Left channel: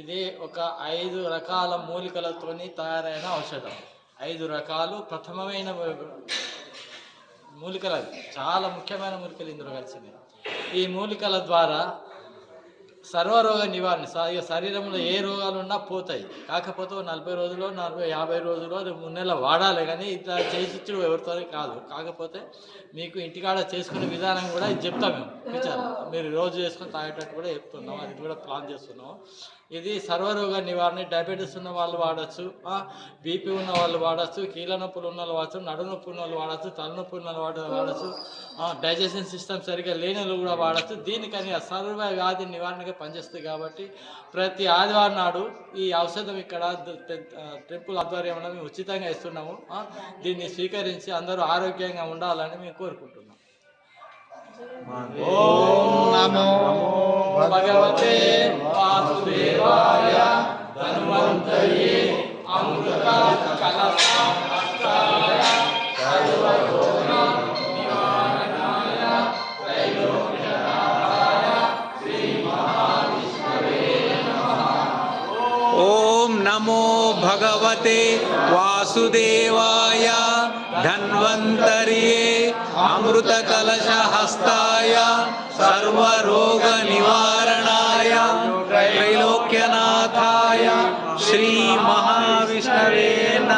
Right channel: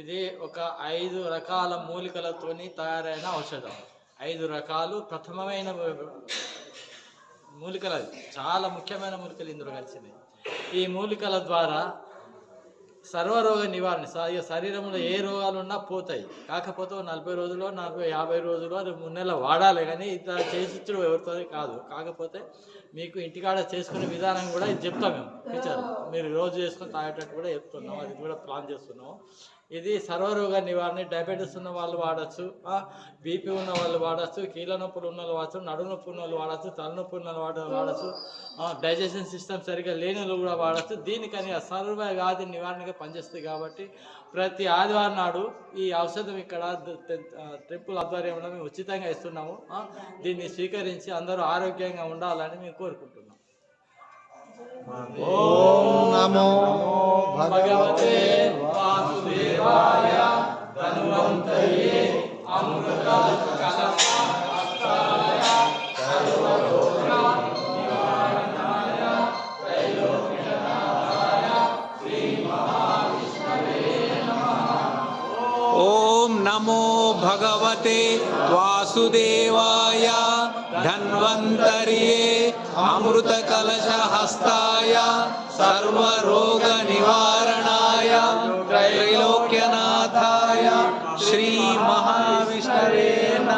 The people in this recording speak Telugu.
ఇది ఒక 5 రకాల మూలికలతోని తయారైన ఔషధం. 5 రకాలు ప్రథమమైన మూలికలు, చాలా ముఖ్యమైన మూలికలు ఇందులో కలిసినాయి. ఈ మూలికల ద్వారా సర్వరోగ నివారణ, శరీరంలో ఏ రోగాలు ఉన్నా పోతాయి. కాకపోతే 40 రోజులు 50 రోజులు 3 నెలలు వాడాలి, కానీ ఇట్లా చేసిచ్చుడు ఎవరితో కాదు. కాకపోతే మీకు ఇంటికాడ చేసుకునే విధానం కూడా ఇది చెప్తాం మేము. ఫీచర్ మీరు రోజు చేసుకొని తాగేటట్టు కూడా చెప్తున్నాం, అది కూడా ప్లాన్ చేస్తున్నాం. ఇది సర్వరోగ నివారణ. డయాబెటీస్ ఉన్న వాళ్ళు వాడచ్చు, బీపీ ఉన్న వాళ్ళు వాడచ్చు, కీళ్ళ నొప్పులు ఉన్న వాళ్ళు వాడచ్చు, నడుము నొప్పి ఉన్న వాళ్ళు వాడచ్చు, తలనొప్పి ఉన్న వాళ్ళు వాడచ్చు, డైజెషన్ సిస్టమ్ సరిగ్గా లేని వాళ్ళు కూడా వాడచ్చు. దీనికని సర్వ వ్యాధి నివారణగా పనిచేస్తుంది. కాబట్టి ప్రతి ఆదివారం నాడు ఈ ఔషధం ఇక్కడ టెంపుల్ ఆధ్వర్యంలో మేము ఉచితంగా ఇస్తున్నాము. దీన్ని స్వీకరించి అందరూ ఆరోగ్యంగా ఉండాలని మేము కోరుకుంటున్నాం. ఓం నమో భగవతే వాసుదేవాయ ధన్వంతయే అమృత కలశాయ సర్వరోగ నివారణాయ भगवते वासुदेवाय धन्वन्तर्ये अमृतकलशहस्ताय सर्वरोगनिवारणाय त्रैलोक्यनाथाय श्री महाविष्णवे